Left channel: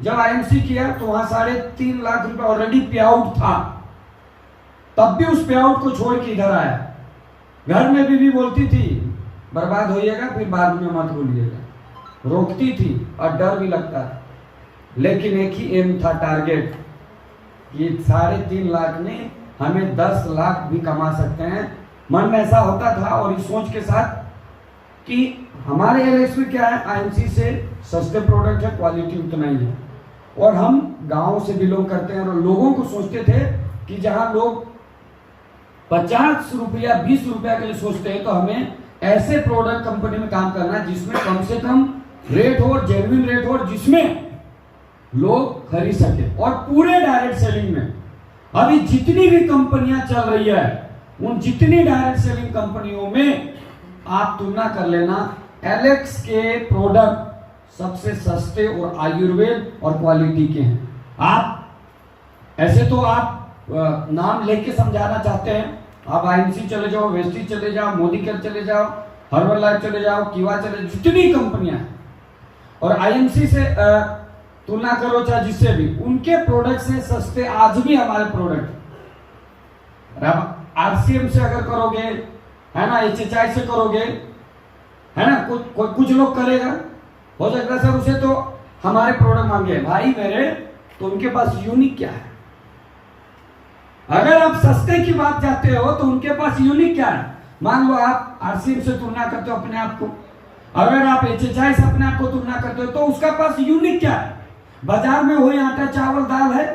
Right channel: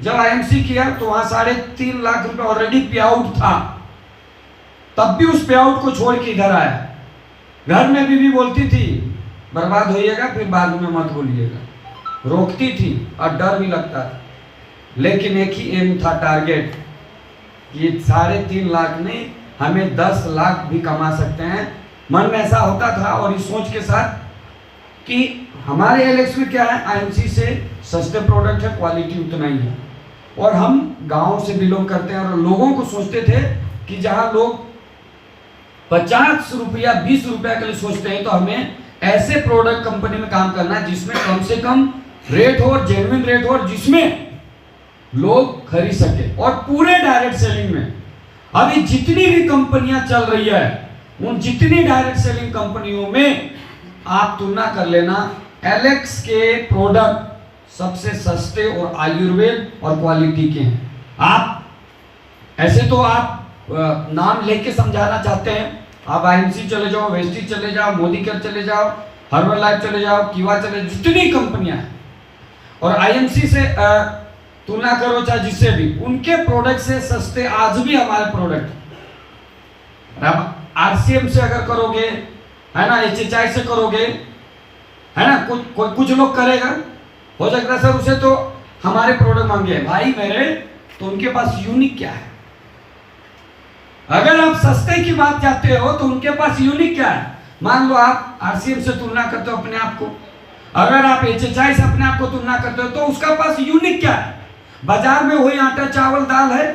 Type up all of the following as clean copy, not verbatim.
जब आईएमसी किया तो वहां 3.5 लाख रुपए ऑलरेडी पे आउट था, तब भी उस पे आउट को छोड़ के इधर आया। घर में बीवी बोलती थी बर्बाद होइएगा फिर बाद में मत बोलिएगा, रोकती थी और डर भी लगता था, लेकिन एक ही एम था, टारगेट, कि 3.5 लाख नहीं हमें 10 लाख भी कमा सकते हैं। मन में ऐसा होता था और इस सोच के साथ कि हमारे एलेक्स में क्या है, आईएमसी से सस्ते प्रोडक्ट है, क्वालिटी उतना ही है, और हम गांव से बिलोंग करते हैं और लोगों को सोचते थे कि जहां लोग 50 रुपया 20 रुपया के लिए सोचते हैं तो हमें ऐसे प्रोडक्ट कंपनी में काम करना है जिसमें कम से कम रेट हो, जेन्युइन रेट हो, और जिसमें लोग खरीद सके। और पूरे डायरेक्ट सेलिंग में अभी जितनी भी कंपनियां चल रही है उन जितनी डायरेक्ट सेलिंग कंपनियों में आप तुलना कर लेना, एलेक्स के प्रोडक्ट सबसे सस्ते और आयुर्वेद और क्वालिटी के हैं। आप ऐसे तो आप नाम लेके समझाना चाहते हैं, आप आईएमसी चले जाओ, वेस्टी चले जाओ, मोदीकेयर चले जाओ, हर्बल लाइफ चले जाओ, कीवा चले, जितनी कंपनियां हैं, और आईएमसी से तुलना करो चाहे जिससे भी, उनके प्रोडक्ट से सस्ते आज भी हमारे प्रोडक्ट। आरसीएम से अगर करोगे, है ना, एचएचआई से करोगे, है ना, कुछ लोग करेगा, हो सकता है सर उसे तो हमारे प्रोडक्ट मांगे भाई मेरे, तो उनके पास यूनिक क्या है। अगर आप सस्ते की बात चाहते हो तो उनके पास यूनिक क्या है। मान लो आप आरसीएम से तुलना करते हो अपने आप को, अगर आप एचएचआई से अपने आप को तुलना करते हो तो उसका पास यूनिक क्या है। बाजार में वही आटा चावल दाल है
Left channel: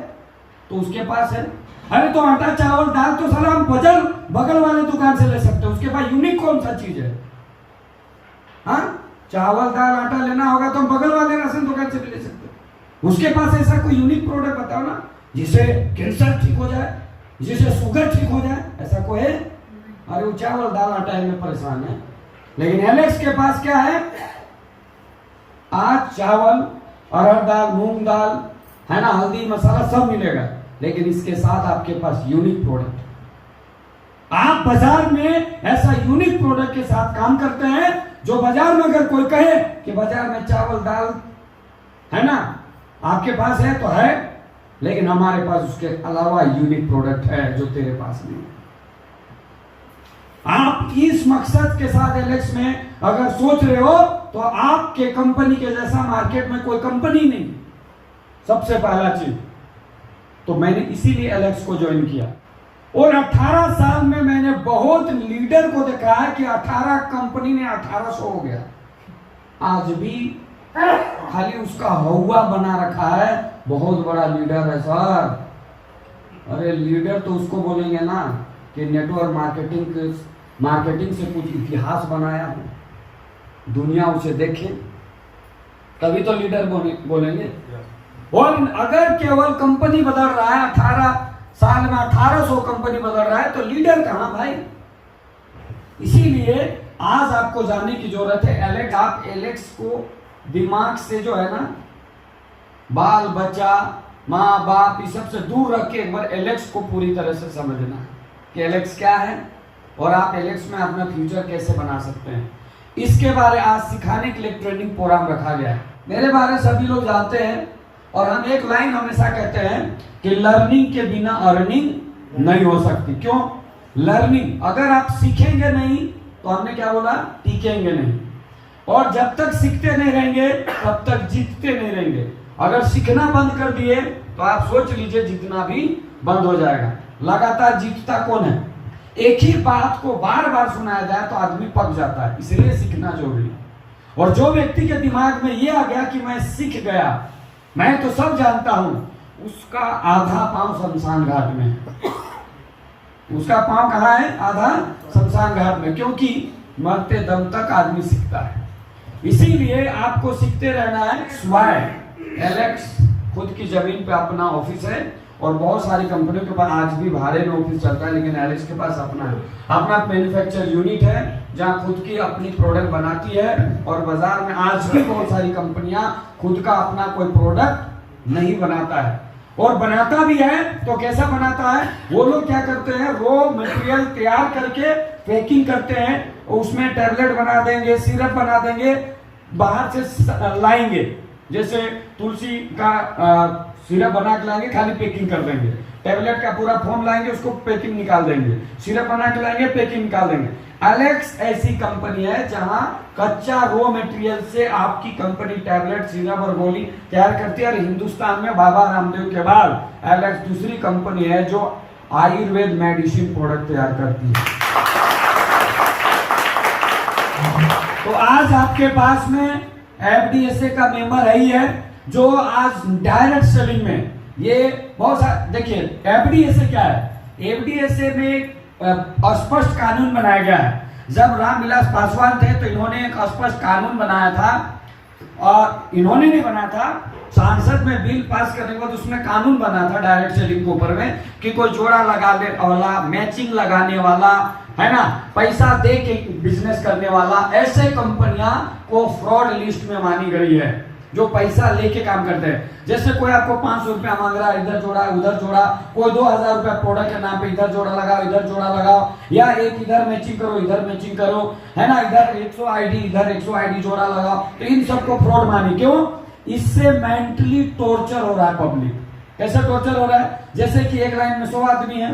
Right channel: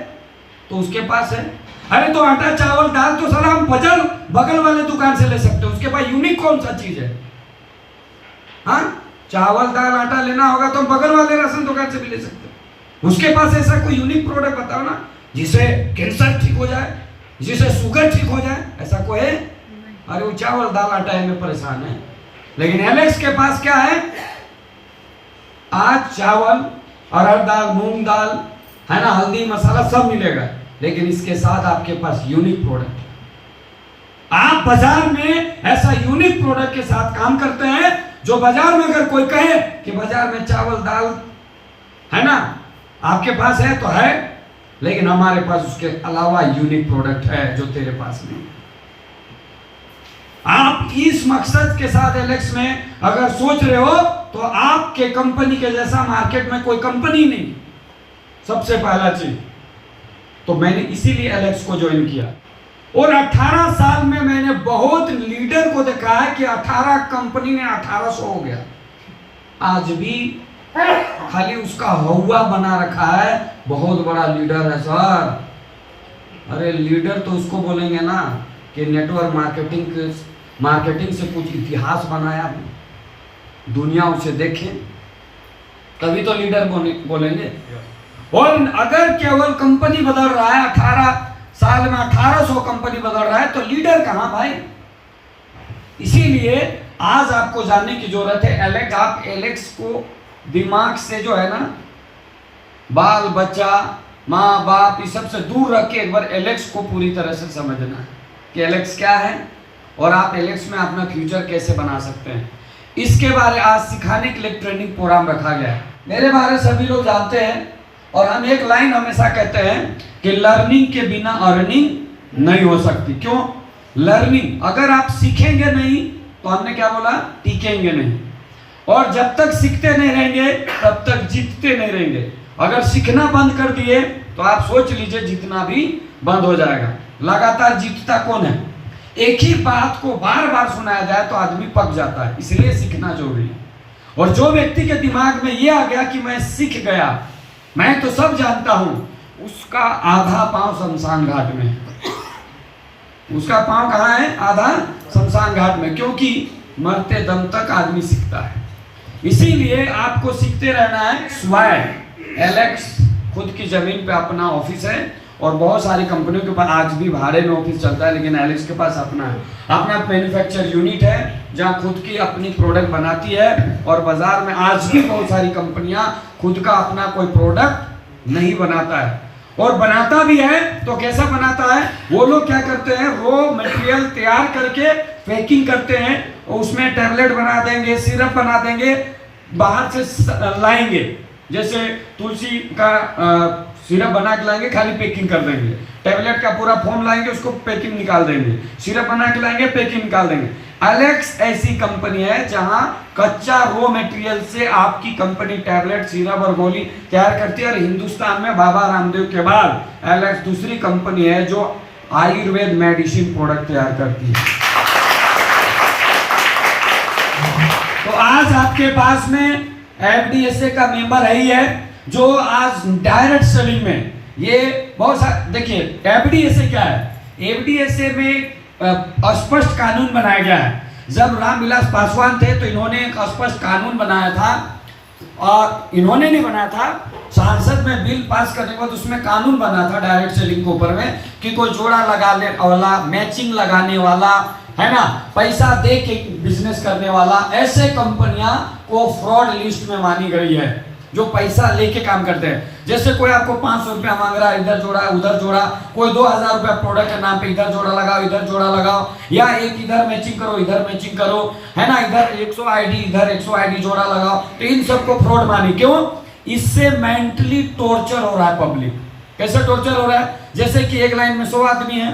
तो उसके पास है, अरे तो आटा चावल दाल तो साला हम बगल वाले दुकान से ले सकते हैं, उसके पास यूनिक कौन सा चीज है। हाँ, चावल दाल आटा लेना होगा तो हम बगल वाले राशन दुकान से भी ले सकते हैं। उसके पास ऐसा कोई यूनिक प्रोडक्ट बताओ ना, जिसे कैंसर ठीक हो जाए, जिसे शुगर ठीक हो जाए, ऐसा कोई है। अरे वो चावल दाल आटा में परेशान है, लेकिन एलेक्स के पास क्या है, आज चावल, अरहर दाल, मूंग दाल, है ना, हल्दी मसाला सब मिलेगा, लेकिन इसके साथ आपके पास यूनिक प्रोडक्ट है। आप बाजार में ऐसा यूनिक प्रोडक्ट के साथ काम करते हैं जो बाजार में अगर कोई कहे कि बाजार में चावल दाल, है ना, आपके पास है तो है, लेकिन हमारे पास उसके अलावा यूनिक प्रोडक्ट है जो तेरे पास नहीं है। आप इस मकसद के साथ एलेक्स में अगर सोच रहे हो तो आपके कंपनी के जैसा मार्केट में कोई कंपनी नहीं, सबसे पहला चीज। तो मैंने इसीलिए एलेक्स को ज्वाइन किया, और 18 साल में मैंने बहुत लीडर को देखा है कि 18 कंपनी ने 1800 हो गया, आज भी खाली उसका हवा बना रखा है, बहुत बड़ा लीडर है सर। अरे लीडर तो उसको बोलेंगे ना कि नेटवर्क मार्केटिंग से कुछ इतिहास बनाया हो, दुनिया उसे देखे तभी तो लीडर बोलेंगे। और अगर केवल कंपनी बदल रहा है, 18 साल में 1800 कंपनी बदल रहा है, तो लीडर कहां भाई। इसीलिए आज आपको जानने की जरूरत है एलेक्स। आप एलेक्स को दिमाग से जो है ना, बाल बच्चा माँ बाप इस सब से दूर रख के एक बार एलेक्स को पूरी तरह से समझना है कि एलेक्स क्या है और आप एलेक्स में अपना फ्यूचर कैसे बना सकते हैं। इसके बारे आज सिखाने के लिए ट्रेनिंग प्रोग्राम रखा गया है। मेरे बारे सभी लोग जानते हैं, और हम एक लाइन हमेशा कहते हैं कि लर्निंग के बिना अर्निंग नहीं हो सकती। क्यों? लर्निंग, अगर आप सीखेंगे नहीं तो हमने क्या बोला, टिकेंगे नहीं, और जब तक सीखते नहीं रहेंगे तब तक जीतते नहीं रहेंगे। अगर सीखना बंद कर दिए तो आप सोच लीजिए जीतना भी बंद हो जाएगा। लगातार जीतता कौन है? एक ही बात को बार बार सुनाया जाए तो आदमी पक जाता है, इसलिए सीखना जरूरी है। और जो व्यक्ति के दिमाग में ये आ गया कि मैं सीख गया, मैं तो सब जानता हूं, उसका आधा पांव शमशान घाट में है। उसका पांव कहां है? आधा शमशान घाट में, क्योंकि मरते दम तक आदमी सीखता है। इसीलिए आपको सीखते रहना है। स्वयं एलेक्स खुद की जमीन पे अपना ऑफिस है, और बहुत सारी कंपनियों के पास आज भी भाड़े में ऑफिस चलता है, लेकिन एलेक्स के पास अपना है। अपना मैन्युफैक्चर यूनिट है जहां खुद की अपनी प्रोडक्ट बनाती है, और बाजार में आज भी बहुत सारी कंपनियां खुद का अपना कोई प्रोडक्ट नहीं बनाता है, और बनाता भी है तो कैसा बनाता है? वो लोग क्या करते हैं, रॉ मटेरियल तैयार करके पैकिंग करते हैं, और उसमें टैबलेट बना देंगे, सिरप बना देंगे, बाहर से लाएंगे, जैसे तुलसी का सिरप बना के लाएंगे, खाली पैकिंग कर देंगे। टैबलेट का पूरा फॉर्म लाएंगे, उसको पैकिंग निकाल देंगे। सिरप बना के लाएंगे, पैकिंग निकाल देंगे। एलेक्स ऐसी कंपनी है जहां कच्चा रॉ मटेरियल से आपकी कंपनी टैबलेट, सिरप और गोली तैयार करती है। और हिंदुस्तान में बाबा रामदेव के बाद एलेक्स दूसरी कंपनी है जो आयुर्वेद मेडिसिन प्रोडक्ट तैयार करती है। तो आज आपके पास में एफडीएसए का मेंबर है ही है, जो आज डायरेक्ट सेलिंग में ये बहुत सारे, देखिए एफडीएसए क्या है। एफडीएसए में स्पष्ट कानून बनाया गया है। जब रामविलास पासवान थे तो इन्होंने एक स्पष्ट कानून बनाया था, और इन्होंने नहीं बनाया था, सांसद में बिल पास करने के बाद उसमें कानून बना था डायरेक्ट सेलिंग के ऊपर में कि कोई जोड़ा लगाने वाला, मैचिंग लगाने वाला, है ना, पैसा दे के बिजनेस करने वाला, ऐसे कंपनियां को फ्रॉड लिस्ट में मानी गई है जो पैसा लेके काम करते हैं। जैसे कोई आपको 500 रुपया मांग रहा है, इधर जोड़ा उधर जोड़ा, कोई 2000 रुपया प्रोडक्ट के नाम पे इधर जोड़ा लगाओ इधर जोड़ा लगाओ, या एक इधर मैचिंग करो इधर मैचिंग करो, है ना, इधर 100 आईडी इधर 100 आईडी जोड़ा लगाओ, तो इन सबको फ्रॉड मानी। क्यों? इससे मेंटली टॉर्चर हो रहा है पब्लिक। कैसे टॉर्चर हो रहा है? जैसे कि एक लाइन में 100 आदमी है,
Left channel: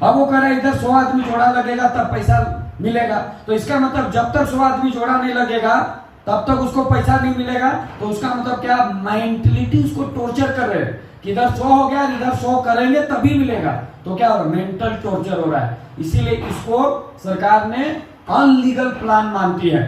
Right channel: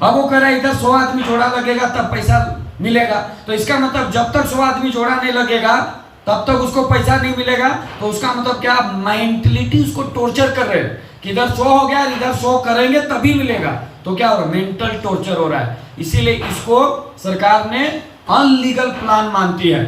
अब वो कह रहा है इधर 100 आदमी जोड़ा लगेगा तब पैसा मिलेगा, तो इसका मतलब जब तक 100 आदमी जोड़ा नहीं लगेगा तब तक उसको पैसा नहीं मिलेगा। तो उसका मतलब क्या? मेंटलिटी उसको टॉर्चर कर रहे हैं कि इधर 100 हो गया, इधर 100 करेंगे तभी मिलेगा। तो क्या हो रहा है? मेंटल टॉर्चर हो रहा है। इसीलिए इसको सरकार ने अनलीगल प्लान मानती है।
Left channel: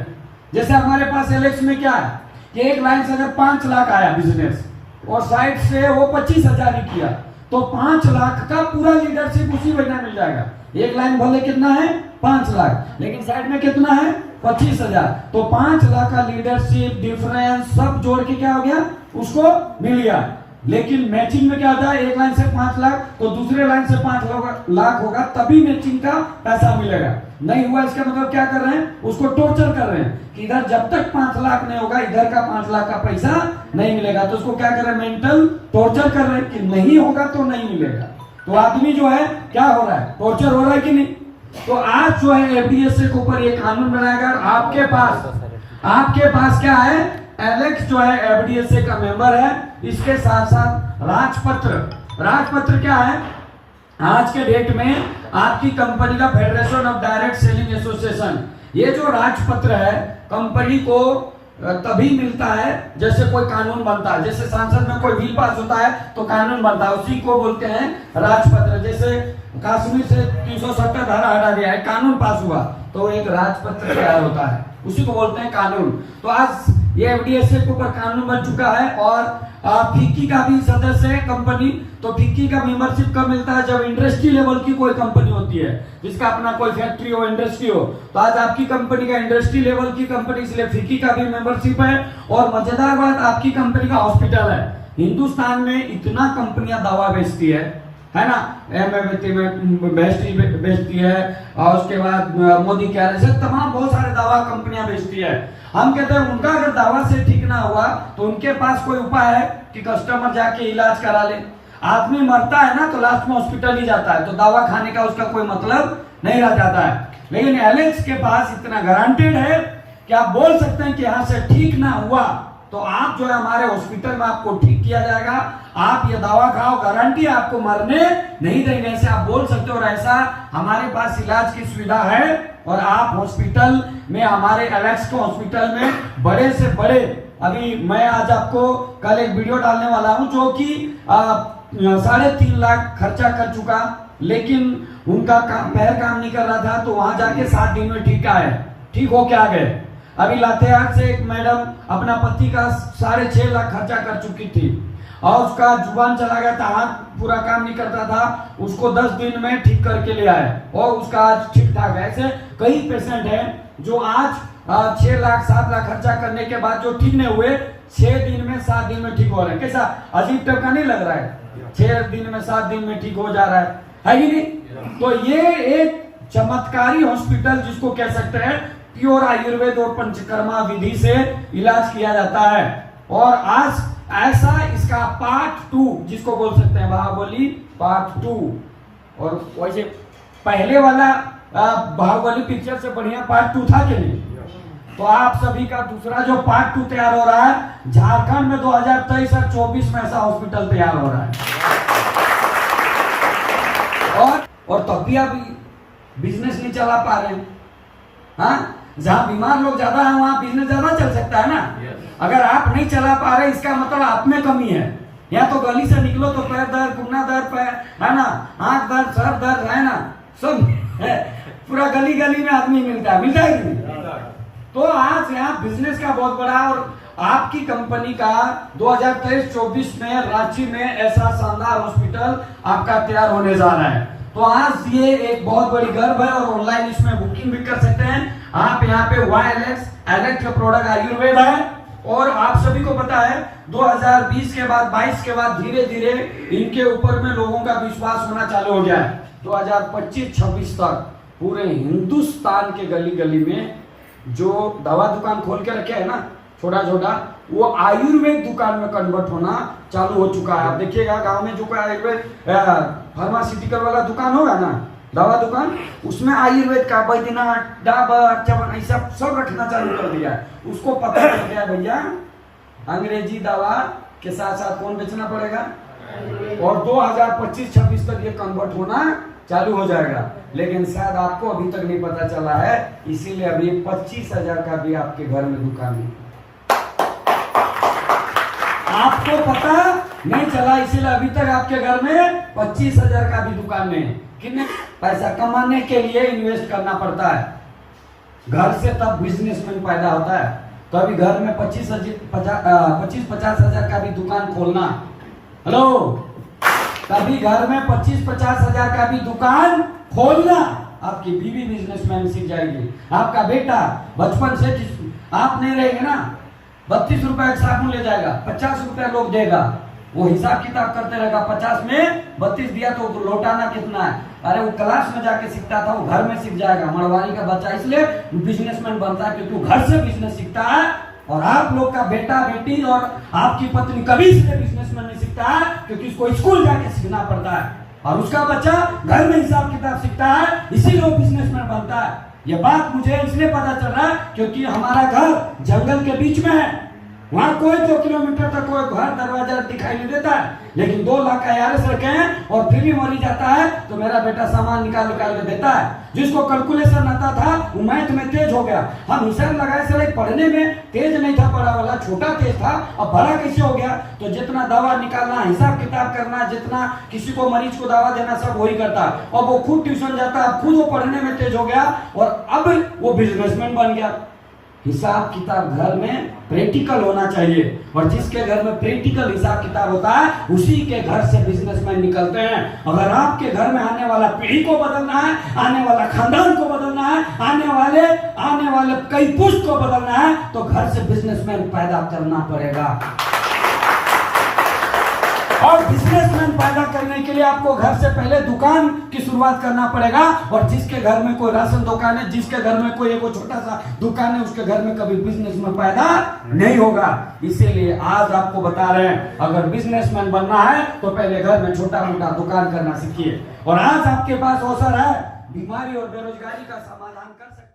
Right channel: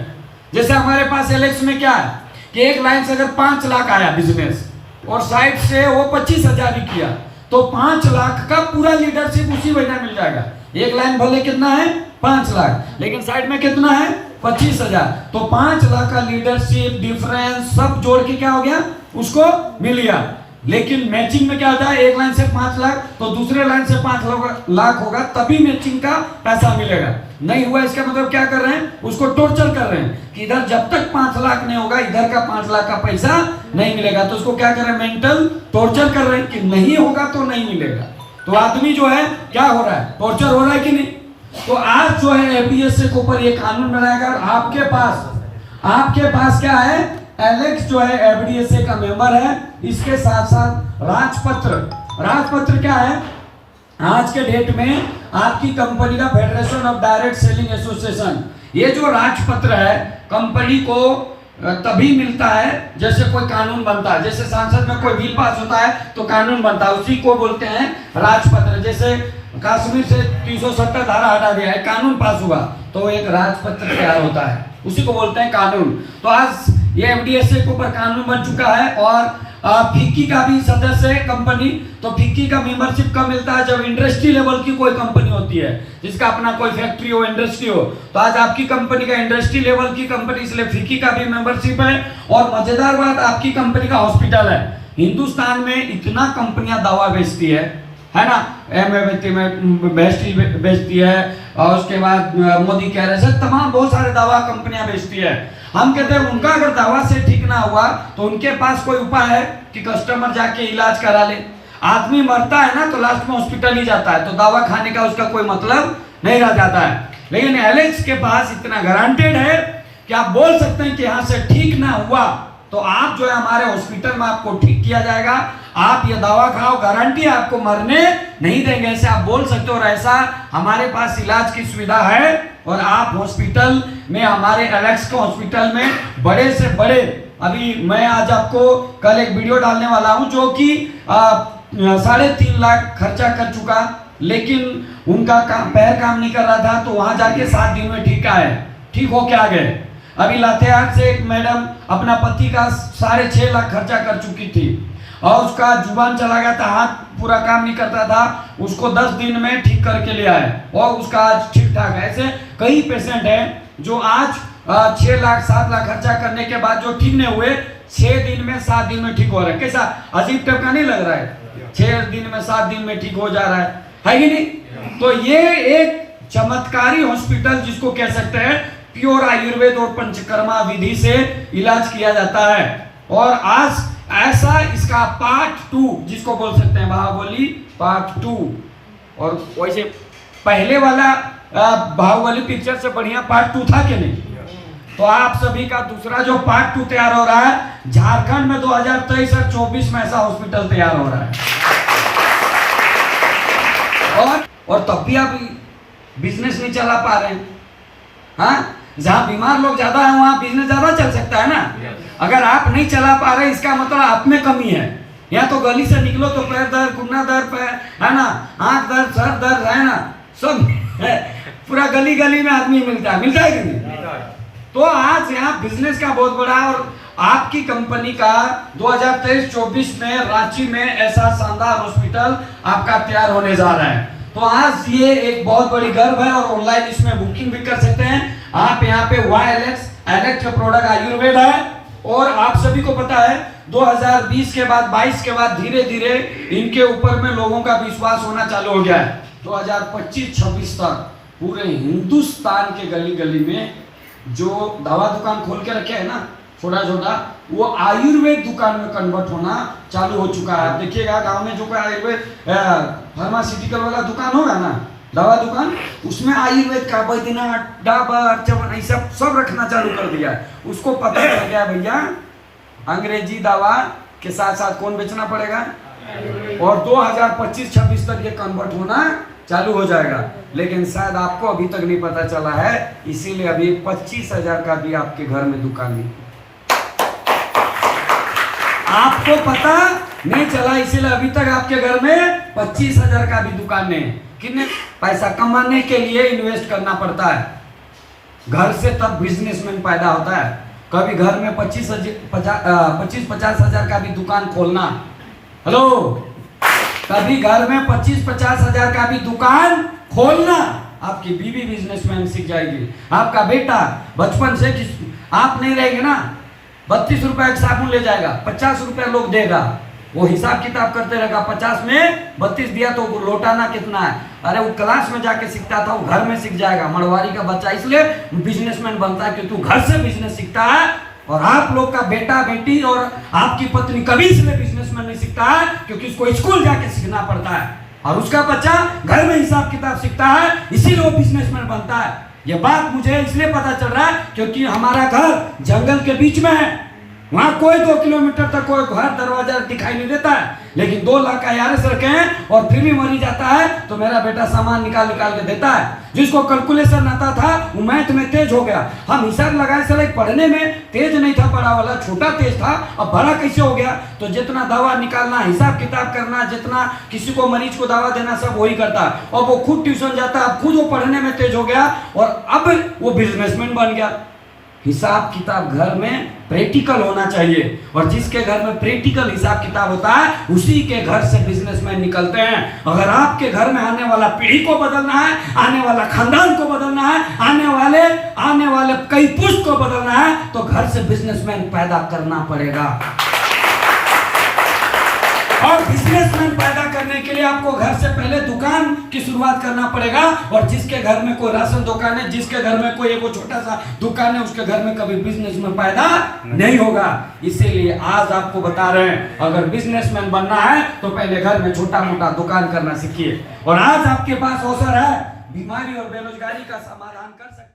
जैसे हमारे पास एलेक्स में क्या है कि एक लाइन से अगर 5 लाख आया बिजनेस और साइड से वो 25,000 ही किया, तो 5 लाख का पूरा लीडरशिप उसी महीने मिल जाएगा। एक लाइन भले कितना है? 5 लाख, लेकिन साइड में कितना है? 25,000। तो 5 लाख का लीडरशिप डिफरेंस सब जोड़ के क्या हो गया? उसको मिल गया। लेकिन मैचिंग में क्या होता है? एक लाइन से 5 लाख तो दूसरे लाइन से 5 लाख होगा तभी मैचिंग का पैसा मिलेगा। नहीं हुआ इसका मतलब क्या कर रहे हैं? उसको टॉर्चर कर रहे हैं कि इधर जब तक 5 लाख नहीं होगा इधर का 5 लाख का पैसा नहीं मिलेगा। तो उसको क्या कर रहे हैं? मेंटल टॉर्चर कर रहे हैं कि नहीं होगा तो नहीं मिलेगा। तो आदमी जो है क्या हो रहा है? टॉर्चर हो रहा है कि नहीं? तो आज जो है एफडीएसए के ऊपर ये कानून बनाएगा। आपके पास क्या है? एलेक्स जो है एफडीएसए का मेंबर है। इसके साथ साथ राजपत्र क्या है? आज के डेट में आपकी कंपनी का federation of direct selling association, ये जो राजपत्र है कंपनी को तभी मिलता है जैसे कोई कानून बनता है। जैसे संसद में कोई बिल पास होता है तो कानून बनता है, उसी को बोलते हैं राजपत्र। जैसे कश्मीर से 370 धारा हटा दिया है, कानून पास हुआ तो एक राजपत्र तैयार होता है, उसी को बोलते हैं कानून। तो आज ये एफडीएसए के ऊपर कानून बन चुका है। और फिक्की का भी सदस्य है कंपनी। तो फिक्की का मेंबरशिप कब मिलता है? जब इंडस्ट्री लेवल की कोई कंपनी होती है, जिसका अपना कोई फैक्ट्री हो, इंडस्ट्री हो। तो आज आपकी कंपनी का इंडस्ट्री लेवल की कंपनी, इसलिए फिक्की का भी मेंबरशिप है। और मजेदार बात, आपकी कंपनी का हॉस्पिटल है। हिंदुस्तान में इतना कंपनियां दवा बेचती है ना, बेचती है, और उसके बाद मोदी कह रहे हैं तमाम बहुत सारे दवा कंपनियां बेचती है। हम कहते हैं उनका अगर दवा से ठीक ना हुआ तो उनके पास कोई उपाय है कि कस्टमर जाके इलाज करा ले। आदमी मरता है ना तो लास्ट में हॉस्पिटल ही जाता है, तो दवा खाने का उसका कोई मतलब नहीं रह जाता है। लेकिन एलेक्स के पास इतना गारंटेड है कि आप बोल सकते हैं कि यहाँ से ठीक ना हुआ तो आप जो है हमारे हॉस्पिटल में आपको ठीक किया जाएगा, आप ये दवा खाओ, गारंटी आपको मरने नहीं देंगे, ऐसे आप बोल सकते हो। और ऐसा हमारे पास इलाज की सुविधा है। और आप हॉस्पिटल में, हमारे एलेक्स के हॉस्पिटल में बड़े से बड़े, अभी मैं आज आपको कल एक वीडियो डालने वाला हूं जो कि 3.5 लाख खर्चा कर चुका, लेकिन उनका पैर काम नहीं कर रहा था, तो वहां जाके 7 दिन में ठीक होके आ गए। अभी लातेहार से एक मैडम अपना पति का 6.5 लाख खर्चा कर चुकी थी, और उसका जुबान चला गया था, हाथ पूरा काम नहीं करता था, उसको 10 दिन में ठीक करके ले आए और उसका आज ठीक ठाक है। ऐसे कई पेशेंट हैं जो आज 6 लाख 7 लाख खर्चा करने के बाद जो ठीक नहीं हुए, 6 दिन में 7 दिन में ठीक हो रहा है। कैसा अजीब टाइप का नहीं लग रहा है? 6 दिन में 7 दिन में ठीक हो जा रहा है कि नहीं? तो ये एक चमत्कारी हॉस्पिटल जिसको कह सकते हैं, प्योर आयुर्वेद और पंचकर्मा विधि से इलाज किया जाता है। और आज ऐसा इसका पार्ट 2 जिसको बोल सकते हैं, बाहुबली पार्ट 2। और वैसे पहले वाला बाहुबली पिक्चर से बढ़िया पार्ट 2 था कि नहीं? तो आप सभी का दूसरा जो पार्ट 2 तैयार हो रहा है, झारखंड में 2023 और 24 में ऐसा हॉस्पिटल तैयार हो रहा है। और तब भी आप बिजनेस नहीं चला पा रहे हैं। हाँ, जहां बीमार लोग ज्यादा है वहां बिजनेस ज्यादा चल सकता है ना। अगर आप नहीं चला पा रहे इसका मतलब आप में कमी है। या तो गली से निकलो तो पैर दर्द, कुन्ना दर्द, पैर है ना, आंख दर्द, सर दर्द है ना, सब है। पूरा गली गली में आदमी मिलता है कि नहीं? तो आज यहाँ बिजनेस का बहुत बड़ा, और आपकी कंपनी का 2023-24 में रांची में ऐसा शानदार हॉस्पिटल आपका तैयार होने जा रहा है। तो आज ये एक बहुत बड़ी गर्व है, और ऑनलाइन इसमें बुकिंग भी कर सकते हैं आप। यहाँ पे YLX इलेक्ट्रो प्रोडक्ट आयुर्वेद है, और आप सभी को पता है 2020 के बाद 22 के बाद धीरे धीरे इनके ऊपर में लोगों का विश्वास होना चालू हो गया है। 2025-26 तक पूरे हिंदुस्तान के गली गली में जो दवा दुकान खोल के रखे है ना, छोटा छोटा, वो आयुर्वेद दुकान में कन्वर्ट होना चालू हो चुका है। आप देखिएगा गांव में जो कोई आयुर्वेद फार्मास्यूटिकल वाला दुकान होगा ना, दवा दुकान, उसमें आयुर्वेद का बैद्यनाथ, डाबर, चवन सब रखना चालू कर दिया है। उसको पता चल गया भैया अंग्रेजी दवा के साथ साथ कौन बेचना पड़ेगा, और 2025-26 तक ये कन्वर्ट होना चालू हो जाएगा। लेकिन शायद आपको अभी तक नहीं पता चला है, इसीलिए अभी 25,000 का भी आपके घर में दुकान नहीं, आपको पता नहीं चला, इसीलिए अभी तक आपके घर में 25,000 का भी दुकान नहीं। कितने पैसा कमाने के लिए इन्वेस्ट करना पड़ता है घर से, तब बिजनेसमैन पैदा होता है। कभी घर में 25-50 हजार का भी दुकान खोलना, हेलो, कभी घर में 25-50 हजार का भी दुकान खोलना, आपकी बीवी बिजनेसमैन सीख जाएगी। आपका बेटा बचपन से आप नहीं रहेंगे ना, 32 रुपए एक साबुन ले जाएगा, 50 रुपया लोग देगा, वो हिसाब किताब करते रहेगा, 50 में 32 दिया तो लौटाना कितना है। अरे वो क्लास में जाके सीखता था, वो घर में सीख जाएगा। मरवाड़ी का बच्चा इसलिए बिजनेसमैन बनता है क्योंकि वो घर से बिजनेस सीखता है। और आप लोग का बेटा बेटी और आपकी पत्नी कभी इसलिए बिजनेसमैन नहीं सीखता है क्योंकि उसको स्कूल जाके सीखना पड़ता है, और उसका बच्चा घर में हिसाब किताब सीखता है, इसीलिए वो बिजनेसमैन बनता है। ये बात मुझे इसलिए पता चल रहा है क्योंकि हमारा घर जंगल के बीच में है, वहां कोई 2 किलोमीटर तक कोई घर दरवाजा दिखाई नहीं देता है, लेकिन 2 लाख का यार सड़कें हैं, और फिर भी मरी जाता है तो मेरा बेटा सामान निकाल के देता है। जिसको कैलकुलेशन आता था वो मैथ में तेज हो गया। हम हिसाब लगाए चले, पढ़ने में तेज नहीं था, बड़ा वाला छोटा तेज था, अब बड़ा कैसे हो गया। तो जितना दवा निकालना, हिसाब किताब करना, जितना किसी को मरीज को दवा देना, सब वही करता है। और वो खुद ट्यूशन जाता है, अब खुद वो पढ़ने में तेज हो गया, और अब वो बिजनेसमैन बन गया। हिसाब किताब घर में प्रैक्टिकल होना चाहिए, और जिसके घर में प्रैक्टिकल हिसाब किताब होता है उसी के घर से बिजनेसमैन निकलते हैं। अगर आपके घर में आने वाला पीढ़ी को बदलना है, आने वाला खानदान को बदलना है, आने वाले कई पुष्ट को बदलना है, तो घर से बिजनेसमैन पैदा करना पड़ेगा। और बिजनेसमैन पैदा करने के लिए आपको घर से पहले दुकान की शुरुआत करना पड़ेगा। और जिसके घर में कोई राशन दुकान है, जिसके घर में कोई एक छोटा सा दुकान है, उसके घर में कभी बिजनेसमैन पैदा नहीं होगा। इसीलिए आज आपको बता रहे हैं, अगर बिजनेसमैन बनना है तो पहले घर में छोटा मोटा दुकान करना सीखिए। और आज आपके पास अवसर है बीमारी और बेरोजगारी का समाधान कर सकते